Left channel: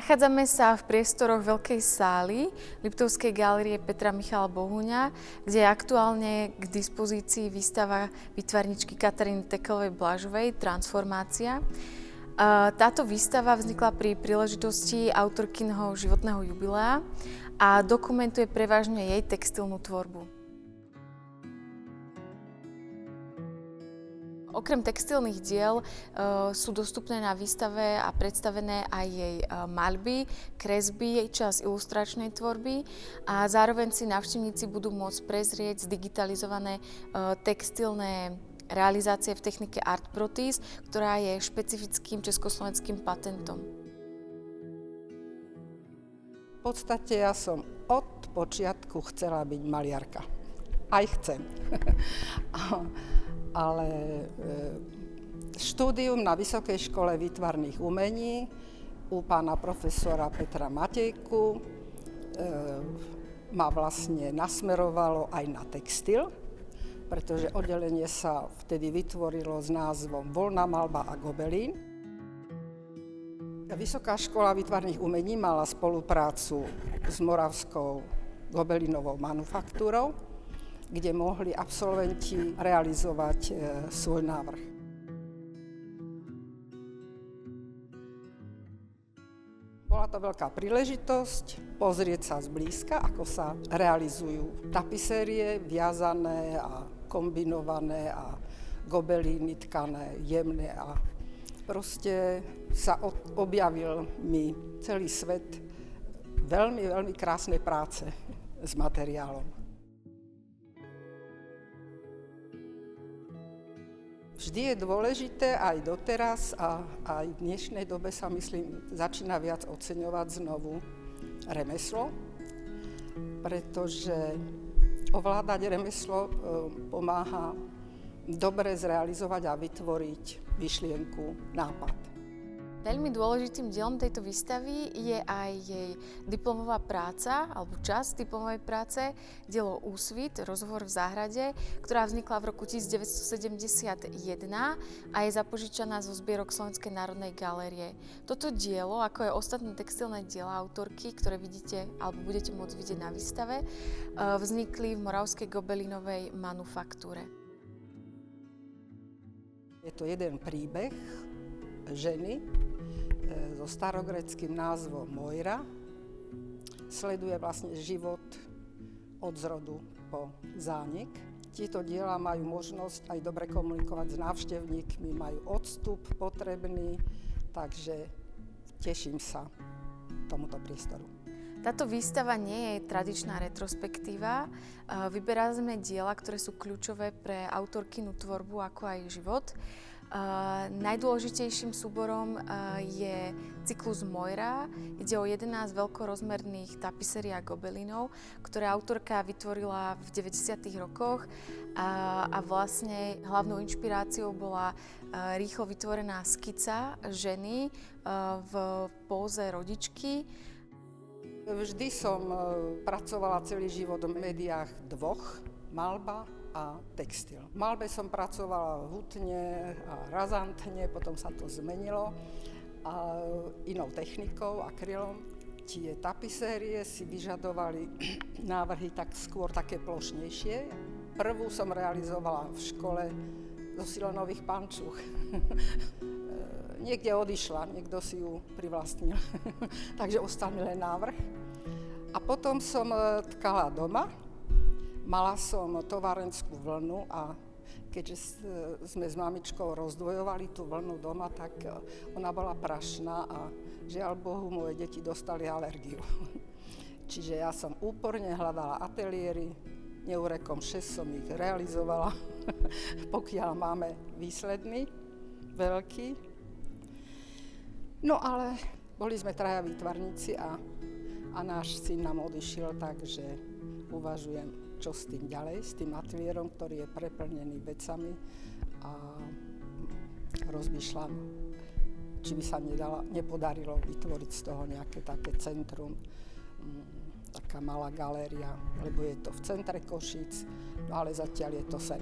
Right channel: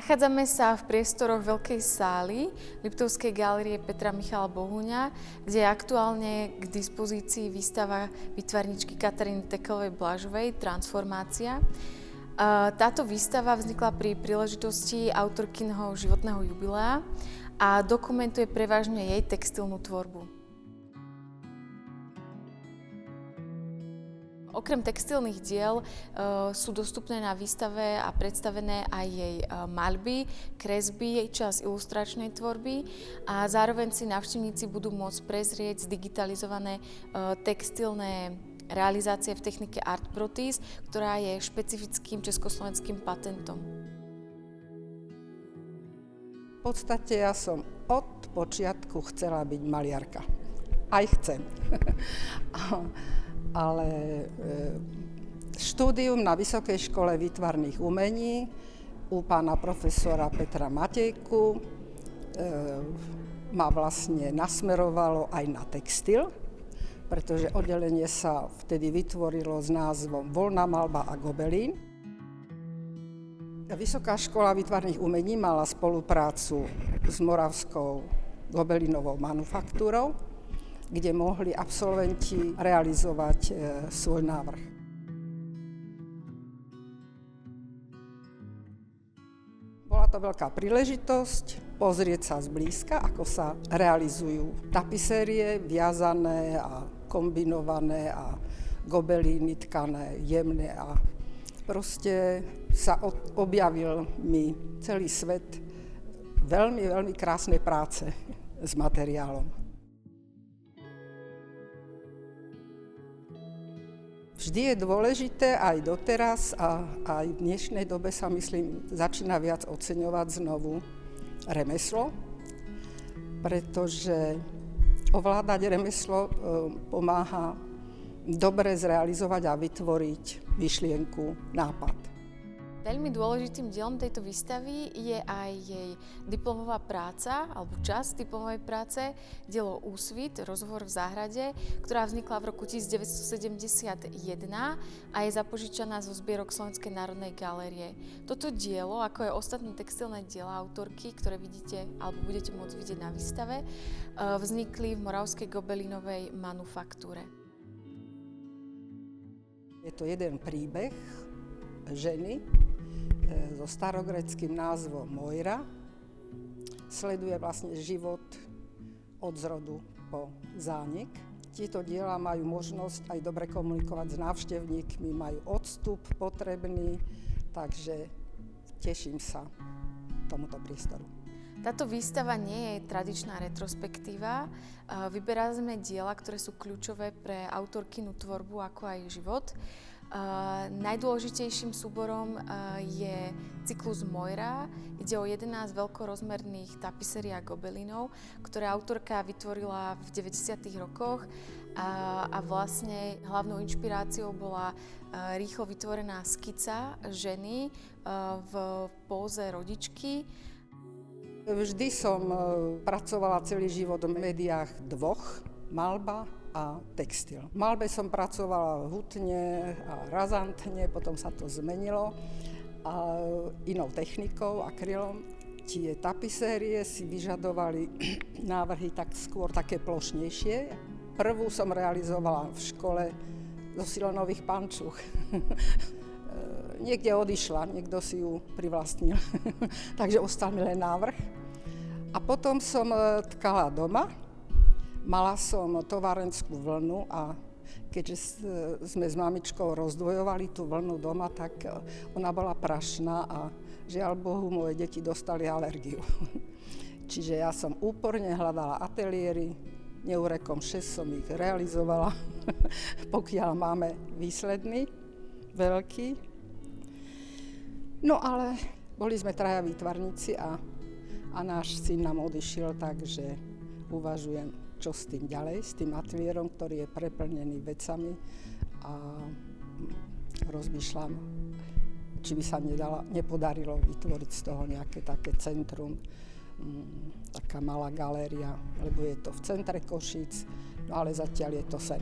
Nachádzame sa v priestoroch veľkej sály Liptovskej galérie Petra Michala Bohuňa, kde je aktuálne k dispozícii výstava výtvarníčky Kataríny Tekelovej-Blažovej Transformácia. Táto výstava vznikla pri príležitosti autorkynho životného jubilea a dokumentuje prevažne jej textilnú tvorbu. Okrem textilných diel sú dostupné na výstave a predstavené aj jej maľby, kresby, časť ilustračnej tvorby a zároveň si návštevníci budú môcť prezrieť zdigitalizované textilné realizácie v technike Artprotis, ktorá je špecifickým československým patentom. V podstate ja som od počiatku chcela byť maliarka. Aj chcem. Ale štúdium na Vysokej škole výtvarných umení u pána profesora Petra Matejku ma vlastne nasmerovalo aj na textil, pretože oddelenie sa vtedy vytvorilo s názvom Voľná maľba a gobelín. Vysoká škola výtvarných umení mala spoluprácu s Moravskou gobelínovou manufaktúrou, kde mohli absolventi realizovať svoj návrh. Bola to veľká príležitosť pozrieť sa zblízka, ako sa realizujú tapisérie viazané a kombinované a gobelíny tkané, jemné a proste sa objavil mi celý svet veľmi, veľmi krásnej práce s materiálom. Vždy je dôležité aj doteraz a aj v dnešnej dobe sa myslím začína viac oceňovať znovu remeslo, pretože ovládať remeslo pomáha dobre zrealizovať a vytvoriť myšlienku, nápad. Veľmi dôležitým dielom tejto výstavy je aj jej diplomová práca, alebo časť diplomovej práce, dielo Úsvit, rozhovor v záhrade, ktorá vznikla v roku 1971 a je zapožičaná zo zbierok Slovenskej národnej galérie. Toto dielo, ako aj ostatné textilné diela autorky, ktoré vidíte alebo budete môcť vidieť na výstave, vznikli v Moravskej gobelínovej manufaktúre. Je to jeden príbeh ženy so starogréckým názvom Moira. Sleduje vlastne život od zrodu po zánik. Tieto diela majú možnosť aj dobre komunikovať s návštevníkmi, majú odstup potrebný, takže teším sa tomuto priestoru. Táto výstava nie je tradičná retrospektíva. Vyberáme diela, ktoré sú kľúčové pre autorkynu tvorbu, ako aj život. Najdôležitejším súborom je cyklus Moira. Ide o 11 veľkorozmerných tapisérií a gobelínov, ktoré autorka vytvorila v 90. rokoch a vlastne hlavnou inšpiráciou bola rýchlo vytvorená skica ženy v póze rodičky. Vždy som pracovala celý život v médiách dvoch, maľba a textil. V maľbe som pracovala hutne a razantne, potom sa to zmenilo a inou technikou, akrylom. Tie tapisérie si vyžadovali návrhy tak skôr také plošnejšie. Prvú som realizovala v škole zo silonových pančuch. Niekde odišla, niekto si ju privlastnil, takže ostal mi len návrh. A potom som tkala doma. Mala som továrenskú vlnu a keďže sme s mamičkou rozdvojovali tú vlnu doma, tak ona bola prašná a žiaľ Bohu, moje deti dostali alergiu. Čiže ja som úporne hľadala ateliéry, neurekom 6 som ich realizovala, pokiaľ máme výsledný, veľký. No ale boli sme traja výtvarníci a náš syn nám odišiel, takže uvažujem, čo s tým ďalej, s tým ateliérom, ktorý je preplnený vecami a rozmýšľam, či by sa nepodarilo vytvoriť z toho nejaké také centrum, taká malá galéria, lebo je to v centre Košíc, no ale zatiaľ je to sen.